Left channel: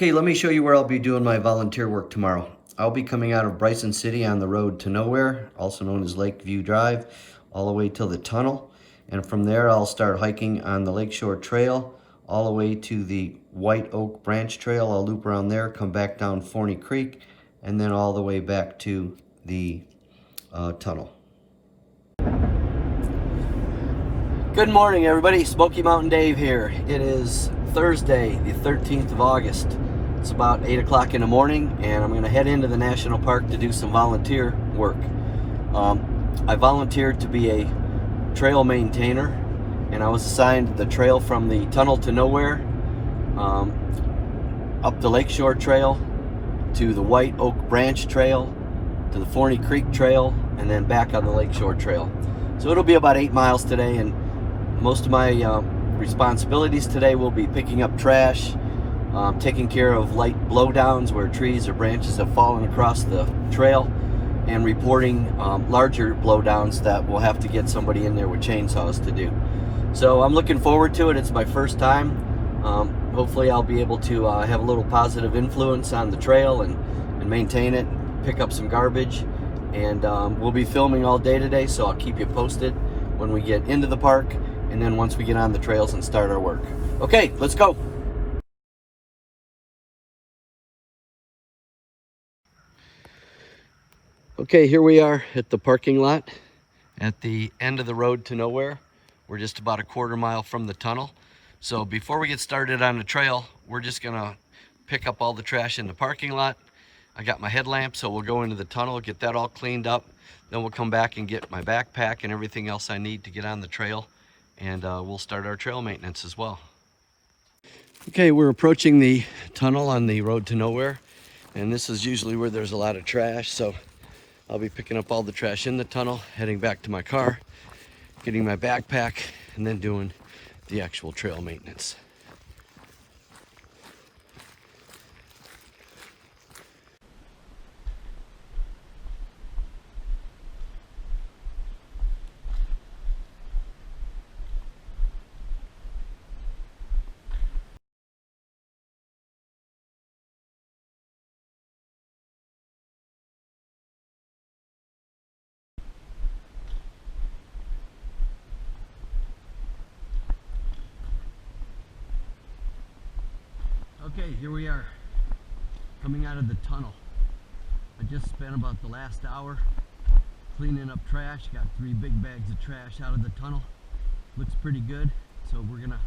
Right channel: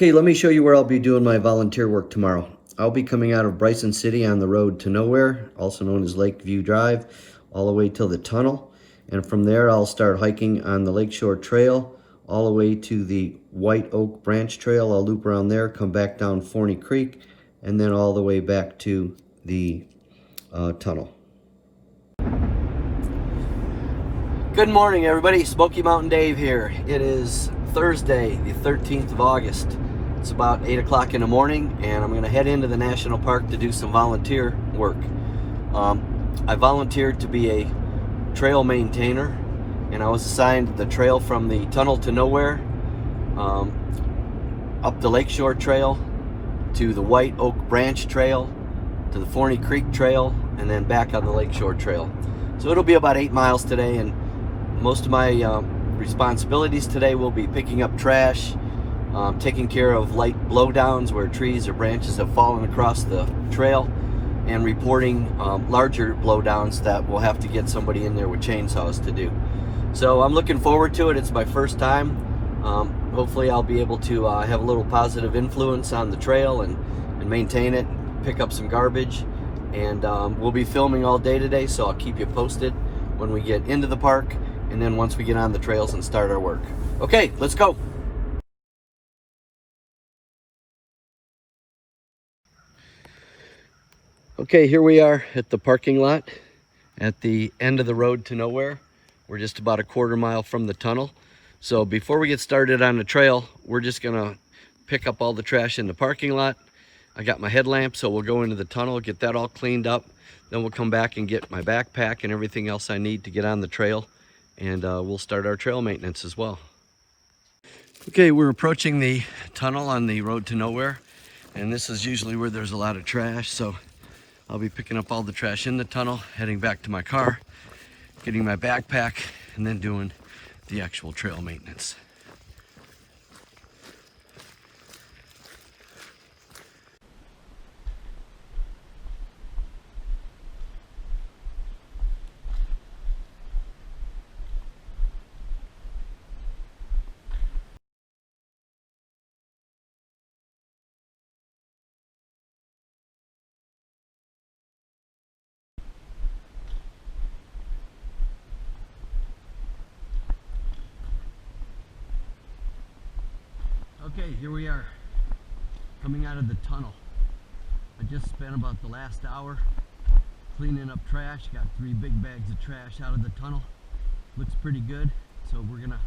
Okay, let me show you where I'll be doing my volunteer work tomorrow. I'll be coming out of Bryson City on the road to nowhere, also known as Lakeview Drive, all the way till the tunnel. And from there, I'll start hiking on the Lakeshore Trail, all the way to the White Oak Branch Trail. I'll loop around there, come back down Forney Creek, and then all the way back to the tunnel. Good morning, everybody. Smoky Mountain Dave here. It is Thursday, the 13th of August. It's about 8 o'clock in the morning, and I'm going to head into the national park to do some volunteer work. I volunteered to be a trail maintainer, and I was assigned the trail from the tunnel to nowhere, up the Lakeshore Trail, to the White Oak Branch Trail, to the Forney Creek Trail, and then back on the Lakeshore Trail. So it'll be about 8 miles today, and most of my responsibilities today will be picking up trash, taking care of light blowdowns where trees or branches have fallen across the trail, and reporting larger blowdowns that we'll have to get somebody in there with chainsaws to do. So I'm looking forward to it. It's my first time. Hopefully I'll be able to have a little positive influence on the trail and maintain it, pick up some garbage, and we'll be filming all day today, so I'll keep you posted when we get into the park and then once we get on the trails and start our work. Okay, let's go. Okay, here we are at the parking lot at the end of the road to nowhere. We're just about a quarter mile from the tunnel. So before we get started on the trail, we're just gonna pick up all the trash in the parking lot. I got my headlamp, so we'll go into the tunnel, get that all cleaned up. Then we'll come back and get my backpack and everything else I need to get on the trail. And we'll start our trail maintenance as well. Okay, we're approaching the tunnel on the road to nowhere. And this is usually where there's a lot of trash. So I'll be picking up all the trash in the tunnel, heading back to my car, getting my backpack, and then doing the actual trail maintenance. Okay, here we are, coming out of the tunnel. I just spent about the last hour cleaning up trash. Got 3 big bags of trash out of the tunnel. Looks pretty good. So we're gonna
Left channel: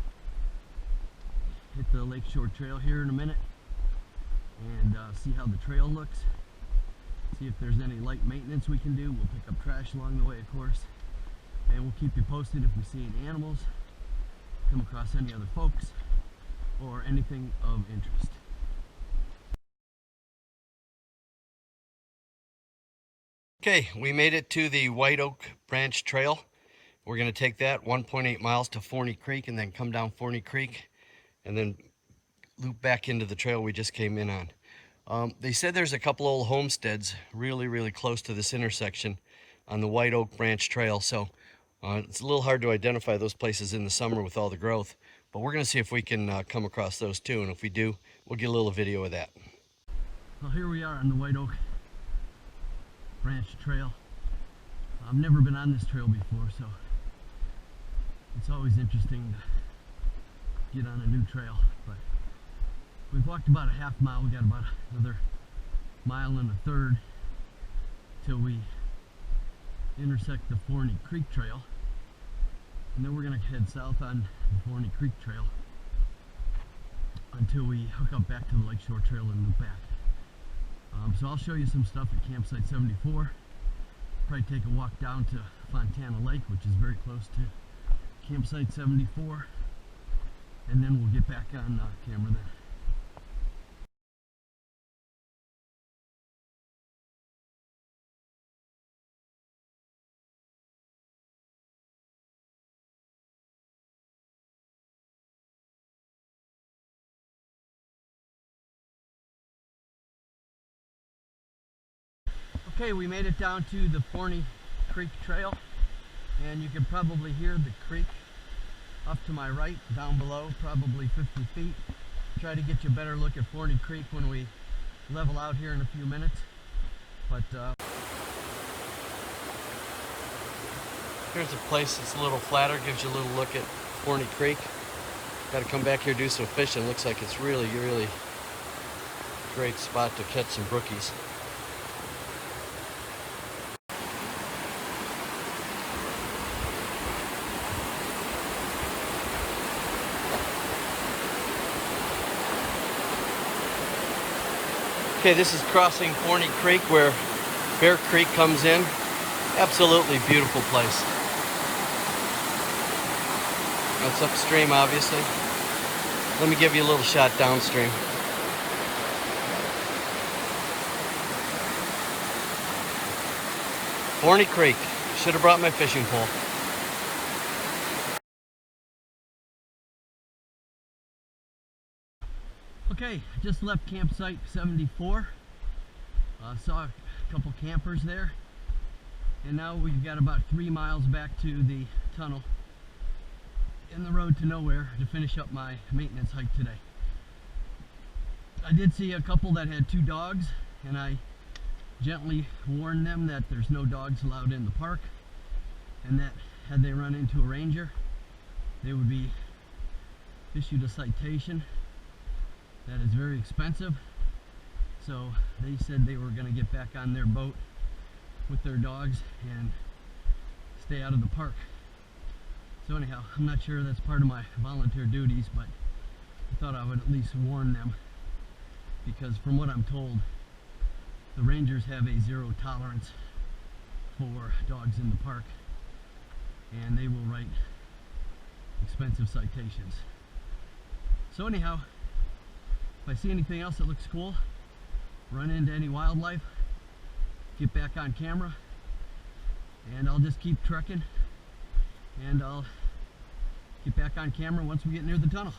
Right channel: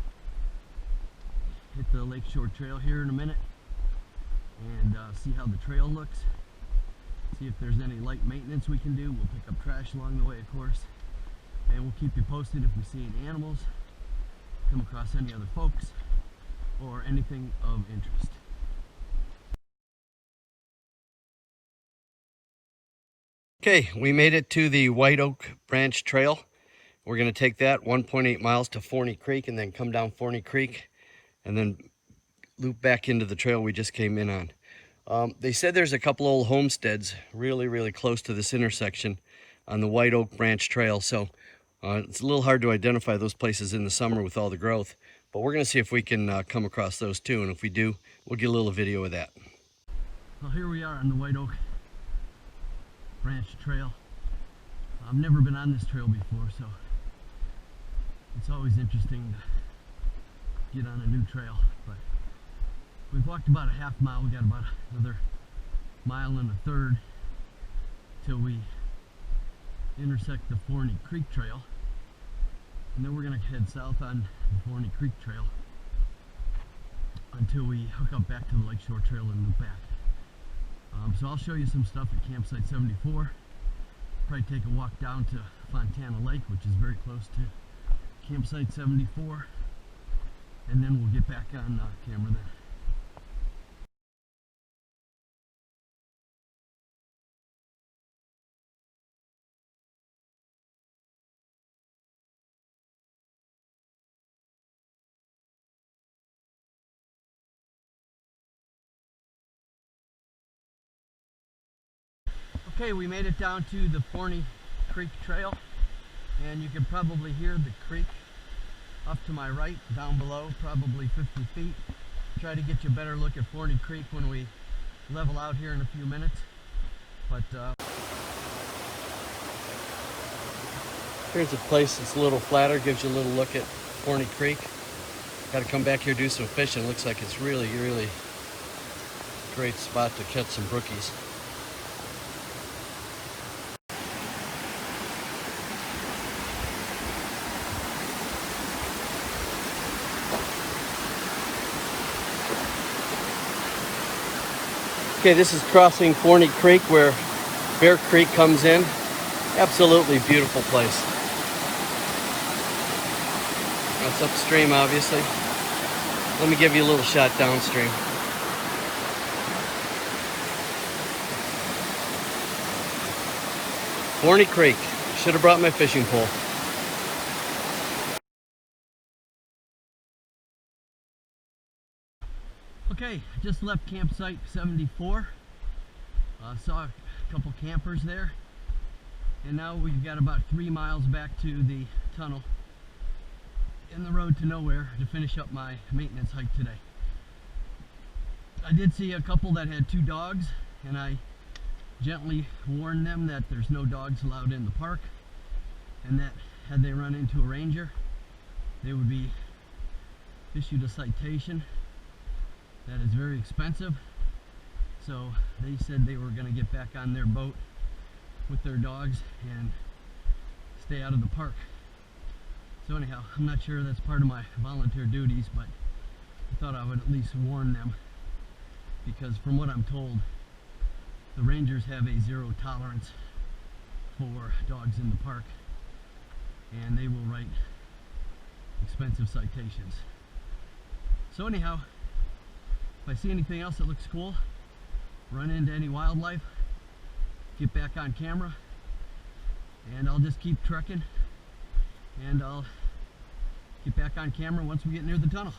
hit the Lakeshore Trail here in a minute and see how the trail looks. See if there's any light maintenance we can do. We'll pick up trash along the way, of course. And we'll keep you posted if we see any animals, come across any other folks, or anything of interest. Okay, we made it to the White Oak Branch Trail. We're going to take that 1.8 miles to Forney Creek and then come down Forney Creek and then loop back into the trail we just came in on. They said there's a couple old homesteads really close to this intersection on the White Oak Branch Trail, so it's a little hard to identify those places in the summer with all the growth. But we're going to see if we can come across those too, and if we do, we'll get a little video of that. Well, here we are on the White Oak Branch Trail. I've never been on this trail before, so it's always interesting to get on a new trail. But we've walked about a half mile. We got about another mile and a third till we intersect the Forney Creek Trail. And then we're going to head south on the Forney Creek Trail until we hook up back to the Lakeshore Trail and loop back. So I'll show you some stuff at Campsite 74. Probably take a walk down to Fontana Lake, which is very close to Campsite 74. And then we'll get back on camera then. Okay, we made it down to the Forney Creek Trail, and you can probably hear the creek up to my right, down below, probably 50 feet. try to get you a better look at Forney Creek when we level out here in a few minutes. But here's a place that's a little flatter, gives you a little look at Forney Creek. Got to come back here, do some fishing. Looks like it's really, really great spot to catch some brookies. Okay, this is crossing Forney Creek where Bear Creek comes in. Absolutely beautiful place. It's upstream, obviously. Let me give you a little shot downstream. Forney Creek. Should have brought my fishing pole. Okay, just left campsite 74. Saw a couple campers there. And now we've got about 3 miles back to the tunnel in the road to nowhere to finish up my maintenance hike today. I did see a couple that had 2 dogs, and I gently warned them that there's no dogs allowed in the park, and that had they run into a ranger, they would be issued a citation. That is very expensive. So they said they were going to get back on their boat with their dogs and stay out of the park. So anyhow, I'm not sure that's part of my volunteer duties, but I thought I would at least warn them, because from what I'm told, the rangers have a 0 tolerance for dogs in the park, and they will write expensive citations. So anyhow, if I see anything else that looks cool, run into any wildlife, get back on camera, and I'll just keep trekking, and I'll get back on camera once we get near the tunnel.